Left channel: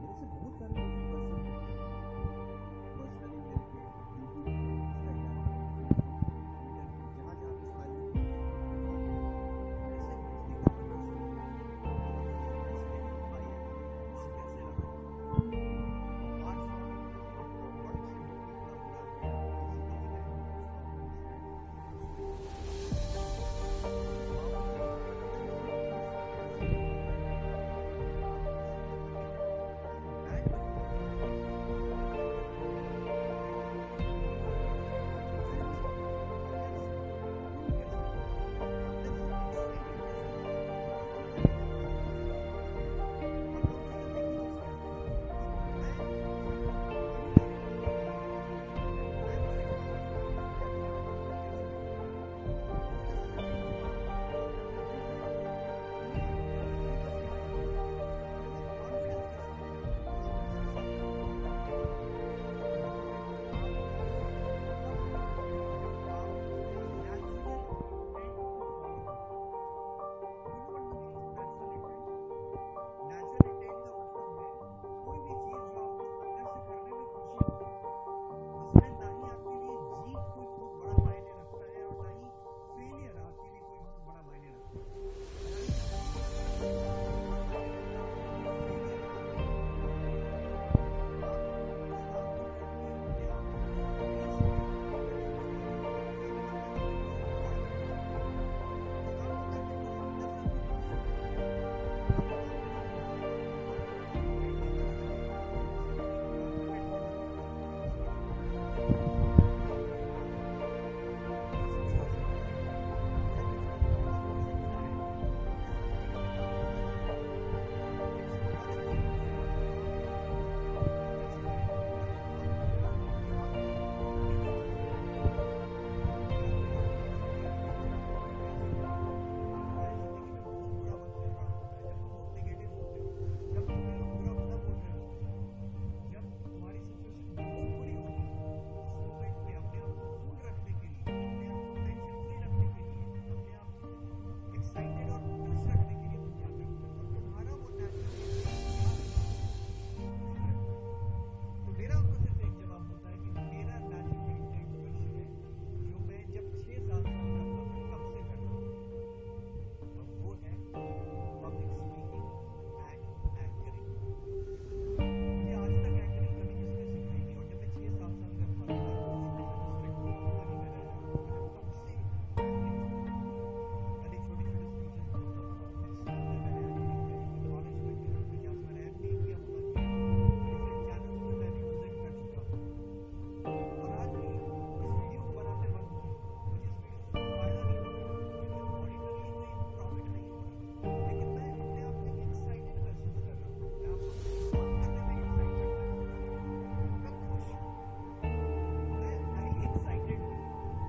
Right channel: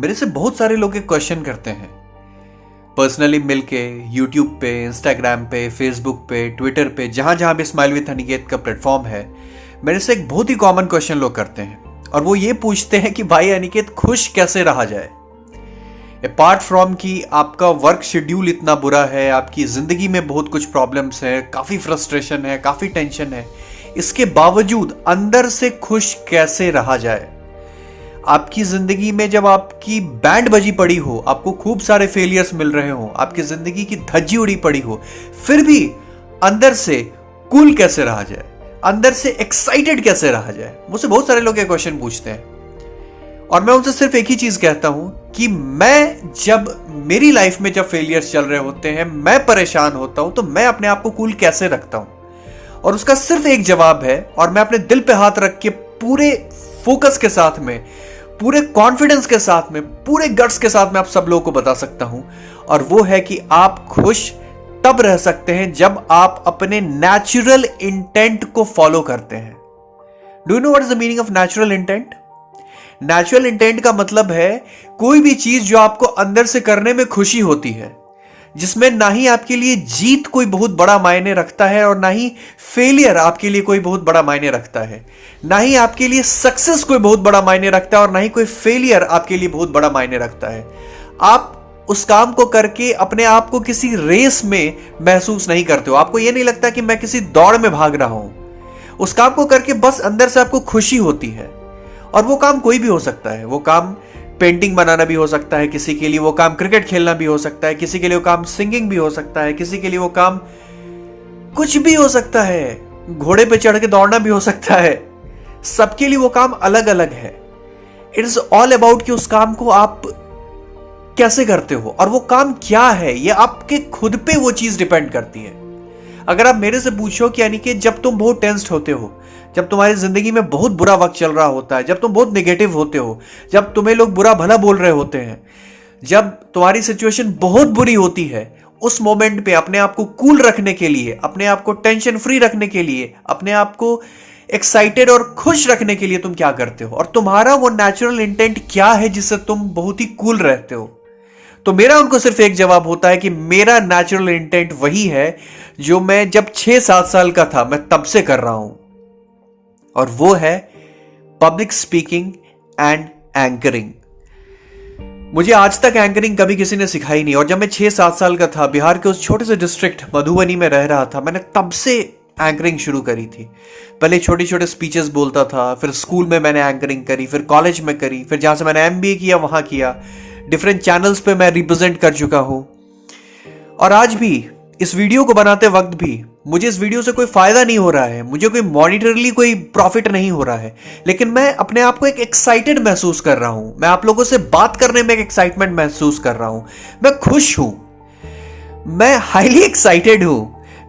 मेरे से बहुत सारे लोग एक क्वेश्चन करते हैं पर्सनली मिलके, यूट्यूब पे, इंस्टाग्राम पे, फेसबुक पे, ट्विटर पे, जहां जहां भी स्माइल विद अनिकेत का प्लेटफॉर्म है। मेरे से एक बहुत ही कॉमन क्वेश्चन लोग करते हैं और वो ये पूछते हैं कि भाई अनिकेत, खुश कैसे रहा जाए। अपार्ट फ्रॉम कि आपका वर्क शेड्यूल इतना बुरा है, आपकी जिंदगी में बहुत कुछ प्रॉब्लम्स है, काफी फ्रस्ट्रेशन है, काफी टेंशन है, इसके बावजूद अंदर से खुश कैसे रहा जाए। आपकी जिंदगी में जब आपकी बैंड बजी पड़ी हो, आपको खूब सारे फेलियर्स मिल रहे हो, आपकी जिंदगी की धज्जी उड़ी पड़ी हो, फिर भी अंदर से कूल कैसे रहा जाए, अंदर से एक्साइटेड कैसे रहा जाए। मुझसे बहुत सारे लोग ये क्वेश्चन पूछते हैं और मैं उनसे सिर्फ एक ही चीज कहता हूं कि मेरी लाइफ में जब फेलियर्स चल रहे होते हैं, मैं परेशान होता हूं, तो मैं अपने आप को कूल कैसे रखता हूं। और उसका सिर्फ एक जवाब है, और मैं अपने दिल पे हाथ रख के पूरे फोकस के साथ में, पूरे कॉन्फिडेंस के साथ में, पूरे गट्स के साथ में आप सब लोगों को बता सकता हूं, और वो है कि आप खुश तब रह सकते हैं जब आप अपने नेचुरल इंटेंट को फॉलो करते हैं। Do you know what is the meaning of natural intent? Natural intent का मतलब है कोई भी चीज जो आपको अंदर से करने में खुशी होती है, जिसमें ना ही आपके लिए जीत कोई बहुत बड़ा मायने रखता है और ना ही फेलियर आपके लिए कोई बहुत बड़ा मायने रखता है, ना ही आपके लिए सक्सेस कोई बहुत बड़ा मायने रखता है और ना ही कोई फेलियर आपके लिए बहुत बड़ा मायने रखता है। आप उस काम को करके अपने आप को किसी रेस में महसूस नहीं करते हो। आपको यह नहीं लगता कि मैं किसी दौड़ में भाग रहा हूं। उस काम को करके बस अंदर से आपको खुशी होती है। और वो काम कोई भी हो सकता है। वो काम पेंटिंग बनाना भी हो सकता है, किसी के लिए वो काम क्रिकेट खेलना भी हो सकता है, किसी के लिए वो काम सिंगिंग भी हो सकता है, किसी के लिए वो काम कुछ भी हो सकता है, घोड़े पे चढ़ के दौड़ना भी हो सकता है। सबके लिए वो काम अलग अलग है। इट इज ऑल अबाउट कि उस काम को आप कैसे करते हो और वो काम क्या है, ये आपके खुद पे वो चीज डिपेंड करती है। अगर आप मेरे से पूछो कि यानी कि जब तुम बहुत टेंस्ड होते हो, जब तुम्हारी जिंदगी में बहुत बुरा वक्त चल रहा होता है, जब तुम बहुत नेगेटिव होते हो, जब तुम्हें लोग बुरा भला बोल रहे होते हैं, जब तुम्हारी सिचुएशन बहुत बुरी होती है, उस मोमेंट पे अपने आप को कूल रखने के लिए, अपने आप को टेंशन फ्री रखने के लिए, अपने आप को एक्साइटेड और खुश रखने के लिए तुम क्या करते हो और तुम्हारा वो नेचुरल इंटेंट क्या है जिससे तुम बहुत ही कूल रहते हो। तो मेरा उनको सिर्फ एक जवाब होता है कि मेरा नेचुरल इंटेंट वही है जो मैं जब 6-7 साल का था मैं तब से कर रहा हूं, और वो है पब्लिक स्पीकिंग एंड एंकरिंग। मुझे आज तक एंकरिंग कभी किसी ने सिखाई नहीं, और जब मैं 6-7 साल का था, बिहार के उस छोटे से डिस्ट्रिक्ट मधुबनी में रह रहा था, मैंने तब से एंकरिंग शुरू करी थी। पहले छोटे छोटे स्पीचेस बोलता था, फिर स्कूल में मैंने एंकरिंग करी, फिर कॉलेज में करी, फिर जहां से मैंने MBA किया वहां किया, डिफरेंट चैनल्स पे मैं रिप्रेजेंट कर चुका हूं। और आज भी इस वीडियो को बनाते वक्त भी मुझे इस वीडियो से कोई फायदा नहीं हो रहा है, मुझे कोई मॉनिटरली कोई प्रॉफिट नहीं हो रहा है, लेकिन मैं अपने आप को एक एक्साइटेड महसूस कर रहा हूं। मैं आप लोगों से बात करने में एक एक्साइटमेंट महसूस कर रहा हूं। मैं खुश हूं, मैं हाईली एक्साइटेड हूं,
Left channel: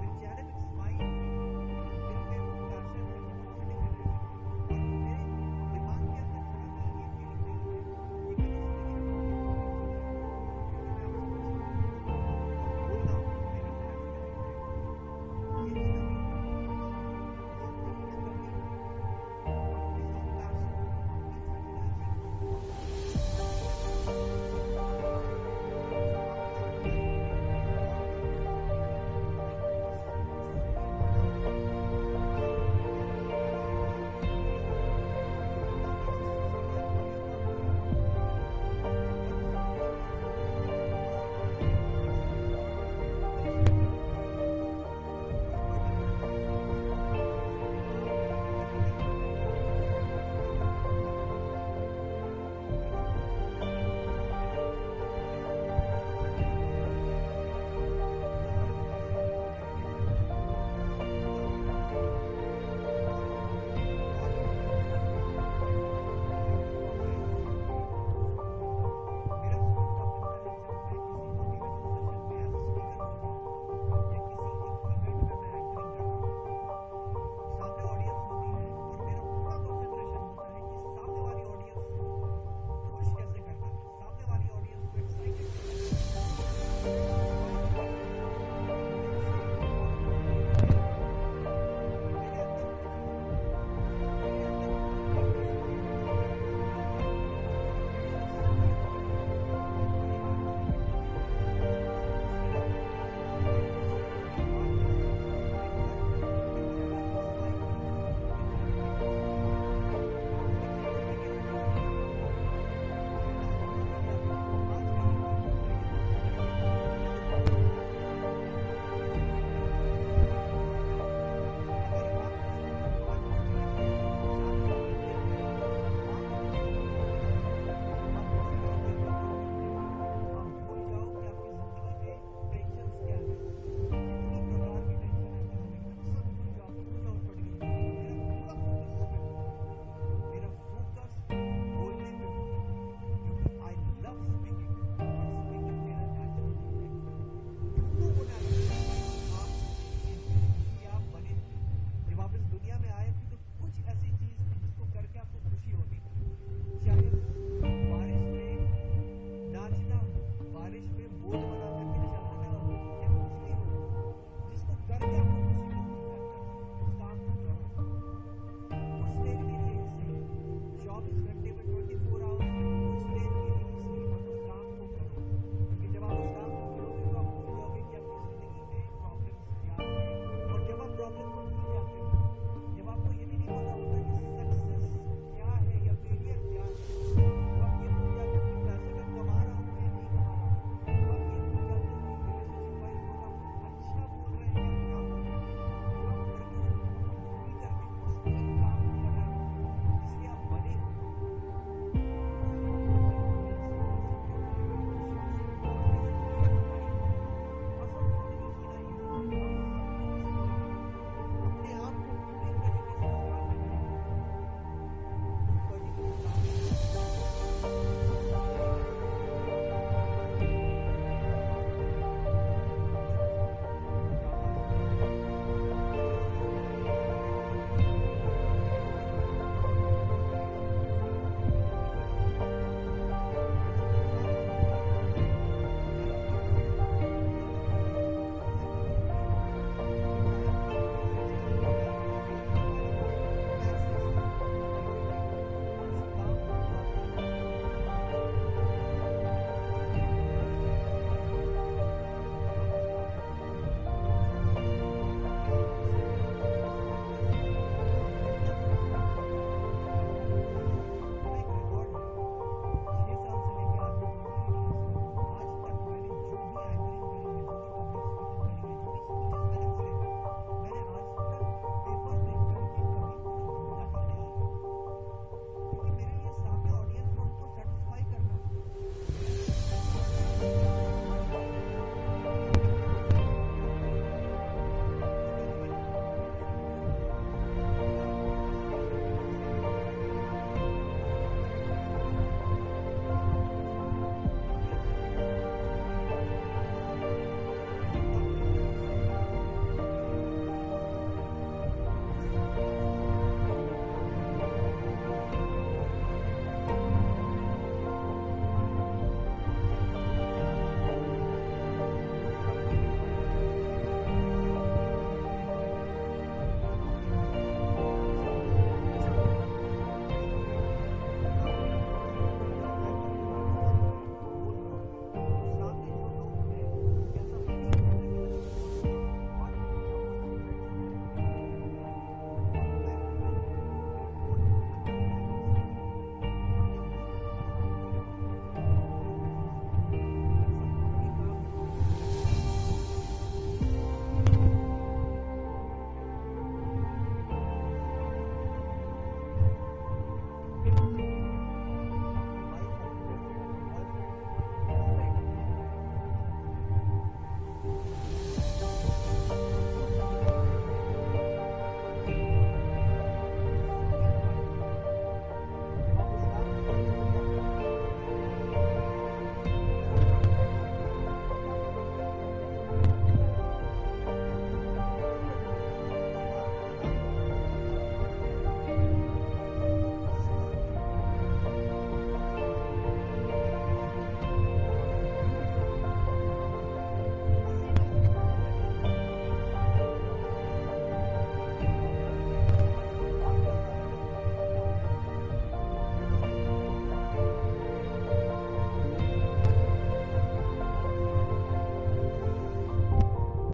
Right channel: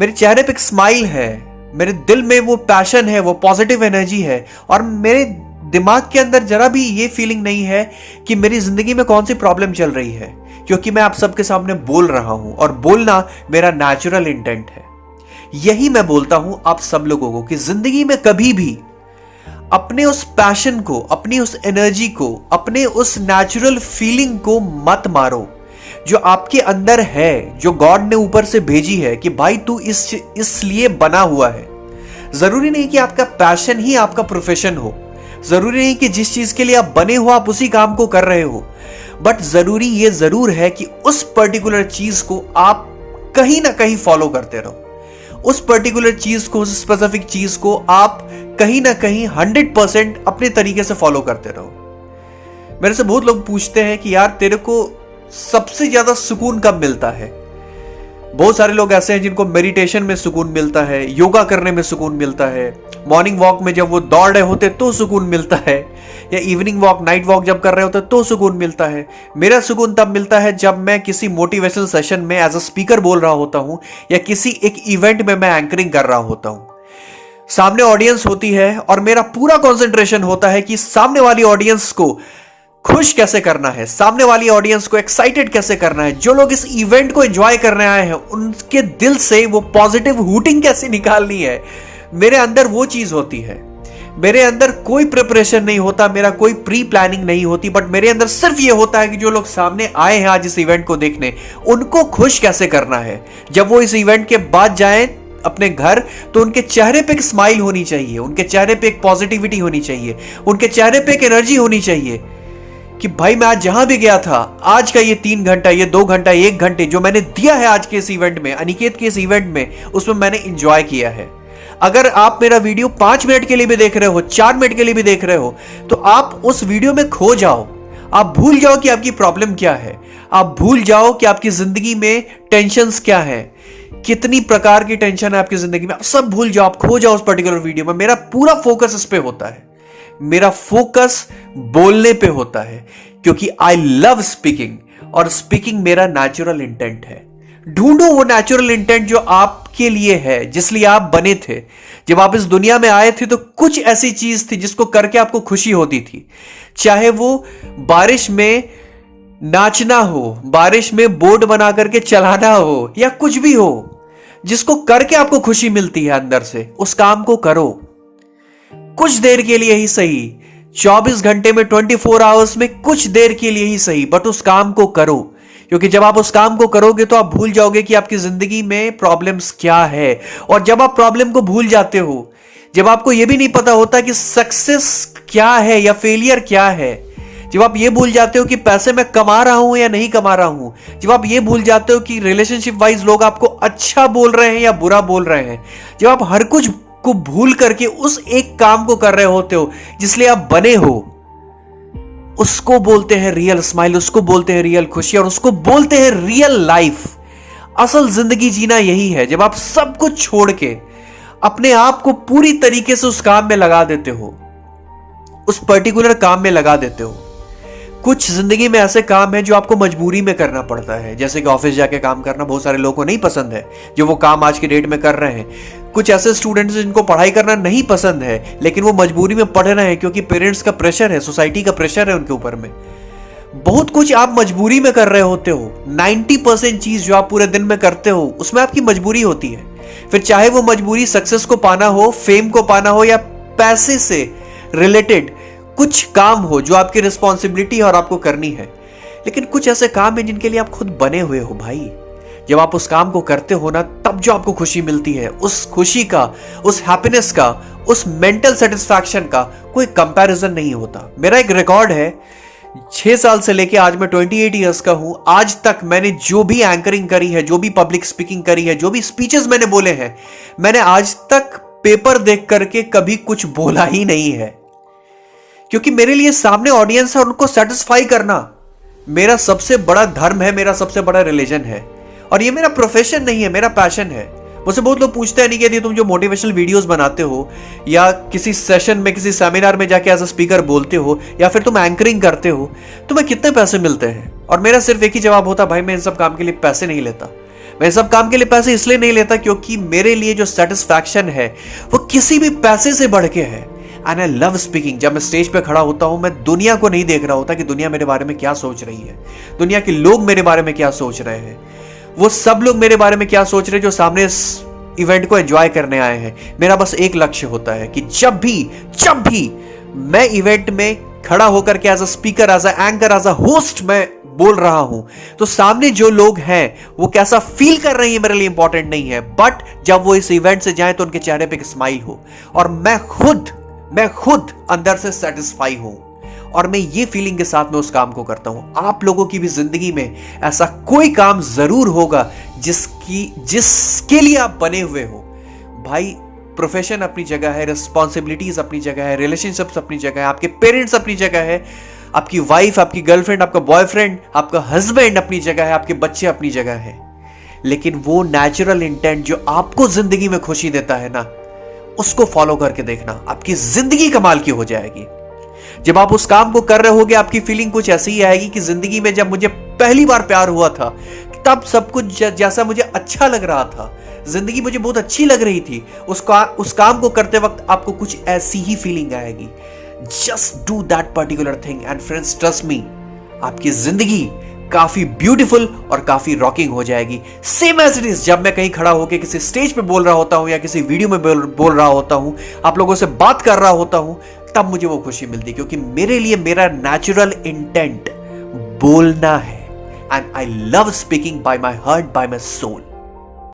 मेरे चेहरे पे एक स्माइल है, मेरे दिल में वो पैशन है, वो पॉजिटिव एनर्जी है, और मेरे दिमाग के अंदर जरा भी ये फीलिंग नहीं है कि मेरी जिंदगी में कौन सी प्रॉब्लम चल रही है, क्योंकि मैं आप सबके सामने बोल रहा हूं और बोलना मेरा नेचुरल इंटेंट है। यही मैं बोलता हूं आप सब लोगों को कि जिंदगी में कभी भी अपने उस पैशन को, अपनी उस एनर्जी को, अपने उस नेचुरल फीलिंग को मत मारो जो आपके अंदर है, जो गॉड ने ऊपर से भेजी है कि भाई तू इसलिए बना हुआ है। जरूरी नहीं कि आपका पैशन ही आपका प्रोफेशन हो, जरूरी नहीं कि जिस चीज के लिए आप बने हो आप उसी काम को कर रहे हो, बट जरूरी ये जरूर है कि उस पर्टिकुलर चीज को आप कहीं ना कहीं फॉलो करते रहो। उस पर्टिकुलर चीज को, उस स्पेसिफिक चीज को आप कहीं ना कहीं 100% अपने तरीके से फॉलो करते रहो। मेरे से बहुत लोग पूछते हैं कि यार तेरे को सबसे ज्यादा सुकून कब मिलता है। बहुत सारे लोग ऐसे हैं जिनको मेडिटेशन में सुकून मिलता है, योगा करने में सुकून मिलता है, मॉर्निंग वॉक में जब वो दौड़ रहे होते तो सुकून मिलता है, या इवनिंग वॉक, नाइट वॉक जब कर रहे होते तो सुकून मिलता है। मेरा सुकून तब मिलता है जब मैं किसी मोटिवेशनल सेशन में एज अ स्पीकर बोल रहा होता हूं, या किसी एक इवेंट में मैं एंकरिंग कर रहा होता हूं। सामने ऑडियंस होती है और मेरा पूरा कॉन्सेंट्रेशन होता है कि सामने वाली ऑडियंस को खुश कैसे करना है, सामने वाली ऑडियंस को एक्साइटेड कैसे करना है, जो लोग इस इवेंट को एंजॉय करने आए हैं उनके दिल से वो पॉजिटिव हूटिंग कैसे निकालनी है। मेरे अंदर वो चीज होती है। मेरे अंदर कोई प्रिपरेशन नहीं होता, मेरा कोई प्री प्लानिंग नहीं होती, बट मेरे अंदर सिर्फ ये होता है कि जो लोग सामने आए हैं आज इस इवेंट को देखने, उनको खुश कैसे करना है। जब वो इस इवेंट के बाद जाएं अपने घर, तो उनके चेहरे पे एक स्माइल होनी चाहिए, उनके चेहरे पे एक पॉजिटिविटी होनी चाहिए, उनके चेहरे पे एक एनर्जी होनी चाहिए कि भाई मैं आज जहां भी गया था, आज का ये 3 घंटा, ये 2 घंटा, 1 घंटे जो मैंने दिया है आज के इस इवेंट में, अनिकेत के इस इवेंट में, उसमें मैंने इंजॉय किया है। अगर आप मेरा वीडियो 5 मिनट के लिए भी देख रहे हो, 4 मिनट के लिए भी देख रहे हो, तो आप उस वीडियो में खो जाओ। आप भूल जाओ कि आपकी प्रॉब्लम क्या है, आप भूल जाओ कि आपकी जिंदगी में टेंशन्स क्या है, कितनी प्रकार की टेंशन है आपकी जिंदगी में, आप सब भूल जाओ, आप खो जाओ उस पर्टिकुलर वीडियो में। मेरा पूरा फोकस इस पे होता है, मेरा फोकस बोलने पे होता है, क्योंकि आई लव स्पीकिंग, और स्पीकिंग मेरा नेचुरल इंटेंट है। ढूंढो वो नेचुरल इंटेंट जो आपके लिए है, जिसलिए आप बने थे। जब आप इस दुनिया में आए थे तो कुछ ऐसी चीज थी जिसको करके आपको खुशी होती थी, चाहे वो बारिश में नाचना हो, बारिश में बोर्ड बना करके चलाना हो, या कुछ भी हो जिसको करके आपको खुशी मिलती है अंदर से, उस काम को करो। कुछ देर के लिए ही सही, 24 घंटे में, 24 आवर्स में कुछ देर के लिए ही सही, बट उस काम को करो। क्योंकि जब आप उस काम को करोगे तो आप भूल जाओगे कि आपकी जिंदगी में प्रॉब्लम्स क्या है। और जब आप प्रॉब्लम को भूल जाते हो, जब आपको यह भी नहीं पता होता कि सक्सेस क्या है या फेलियर क्या है, जब आप ये भूल जाते हो कि पैसे मैं कमा रहा हूं या नहीं कमा रहा हूं, जब आप ये भूल जाते हो कि रिलेशनशिप वाइज लोग आपको अच्छा बोल रहे हैं या बुरा बोल रहे हैं, जब आप हर कुछ को भूल करके उस एक काम को कर रहे होते हो जिसलिए आप बने हो, उसको बोलते हैं रियल स्माइल, उसको बोलते हैं रियल खुशी, और उसको बोलते हैं रियल लाइफ। असल जिंदगी जीना यही है, जब आप सब कुछ छोड़ के अपने आप को पूरी तरीके से उस काम में लगा देते हो, उस पर्टिकुलर काम में लगा देते हो। कुछ जिंदगी में ऐसे काम है जो आपको मजबूरी में करना पड़ता है, जैसे कि ऑफिस जाके काम करना बहुत सारे लोगों को नहीं पसंद है, जो वो काम आज की डेट में कर रहे हैं। कुछ ऐसे स्टूडेंट्स जिनको पढ़ाई करना नहीं पसंद है, लेकिन वो मजबूरी में पढ़ रहे हैं क्योंकि पेरेंट्स का प्रेशर है, सोसाइटी का प्रेशर है उनके ऊपर में। बहुत कुछ आप मजबूरी में कर रहे होते हो। 90% चीज जो आप पूरे दिन में करते हो उसमें आपकी मजबूरी होती है। फिर चाहे वो मजबूरी सक्सेस को पाना हो, फेम को पाना हो, या पैसे से रिलेटेड कुछ काम हो जो आपकी रिस्पॉन्सिबिलिटी है और आपको करनी है। लेकिन कुछ ऐसे काम है जिनके लिए आप खुद बने हुए हो भाई। जब आप उस काम को करते हो ना, तब जो आपको खुशी मिलती है, उस खुशी का, उस हैप्पीनेस का, उस मेंटल सेटिस्फैक्शन का कोई कंपैरिजन नहीं होता। मेरा एक रिकॉर्ड है, 6 साल से लेके आज मैं 28 ईयर्स का हूं, आज तक मैंने जो भी एंकरिंग करी है, जो भी पब्लिक स्पीकिंग करी है, जो भी स्पीचेस मैंने बोले हैं, मैंने आज तक पेपर देख करके कभी कुछ बोला ही नहीं है। क्योंकि मेरे लिए सामने ऑडियंस है और उनको सेटिस्फाई करना मेरा सबसे बड़ा धर्म है, मेरा सबसे बड़ा रिलीजन है। और ये मेरा प्रोफेशन नहीं है, मेरा पैशन है। मुझसे बहुत लोग पूछते हैं, नहीं कि तुम जो मोटिवेशनल वीडियोस बनाते हो, या किसी सेशन में, किसी सेमिनार में जाके एज अ स्पीकर बोलते हो, या फिर तुम एंकरिंग करते हो, तुम्हें कितने पैसे मिलते हैं? और मेरा सिर्फ एक ही जवाब होता, भाई मैं इन सब काम के लिए पैसे नहीं लेता। मैं इन सब काम के लिए पैसे इसलिए नहीं लेता क्योंकि मेरे लिए जो सेटिस्फैक्शन है वो किसी भी पैसे से बढ़ के है। And I love speaking. जब मैं स्टेज पे खड़ा होता हूं, मैं दुनिया को नहीं देख रहा होता कि दुनिया मेरे बारे में क्या सोच रही है, दुनिया के लोग मेरे बारे में क्या सोच रहे हैं। वो सब लोग मेरे बारे में क्या सोच रहे हैं जो सामने इस इवेंट को एंजॉय करने आए हैं। मेरा बस एक लक्ष्य होता है कि जब भी मैं इवेंट में खड़ा होकर के as a speaker, as a anchor, as a host मैं बोल रहा हूं, तो सामने जो लोग हैं वो कैसा फील कर रहे हैं मेरे लिए इंपॉर्टेंट नहीं है, बट जब वो इस इवेंट से जाएं तो उनके चेहरे पे एक स्माइल हो, और मैं खुद अंदर से सेटिस्फाई हूं, और मैं ये फीलिंग के साथ में उस काम को करता हूं। आप लोगों की भी जिंदगी में ऐसा कोई काम जरूर होगा जिसके लिए आप बने हुए हो। भाई प्रोफेशन अपनी जगह है, रिस्पॉन्सिबिलिटीज अपनी जगह है, रिलेशनशिप्स अपनी जगह है, आपके पेरेंट्स अपनी जगह है, आपकी वाइफ, आपकी गर्लफ्रेंड, आपका बॉयफ्रेंड, आपका हस्बैंड अपनी जगह है, आपके बच्चे अपनी जगह है। लेकिन वो नेचुरल इंटेंट जो आपको जिंदगी में खुशी देता है ना, उसको फॉलो करके देखना, आपकी जिंदगी कमाल की हो जाएगी। जब आप उस काम को कर रहे होगे, आपकी फीलिंग कुछ ऐसी ही आएगी कि जिंदगी में जब मुझे पहली बार प्यार हुआ था, तब सब कुछ जैसा मुझे अच्छा लग रहा था, जिंदगी मुझे बहुत अच्छी लग रही थी, उस काम को करते वक्त आपको कुछ ऐसी ही फीलिंग आएगी। Just do that particular thing and friends, trust me, आपकी जिंदगी काफी ब्यूटीफुल और काफी रॉकिंग हो जाएगी। सेम एज इट इज जब मैं कहीं खड़ा होकर किसी स्टेज पे बोल रहा होता हूं या किसी वीडियो में बोल रहा होता हूं, आप लोगों से बात कर रहा होता हूं, तब मुझे वो खुशी मिलती, क्योंकि मेरे लिए मेरा नेचुरल इंटेंट बोलना है। And I love speaking by my heart, by my soul.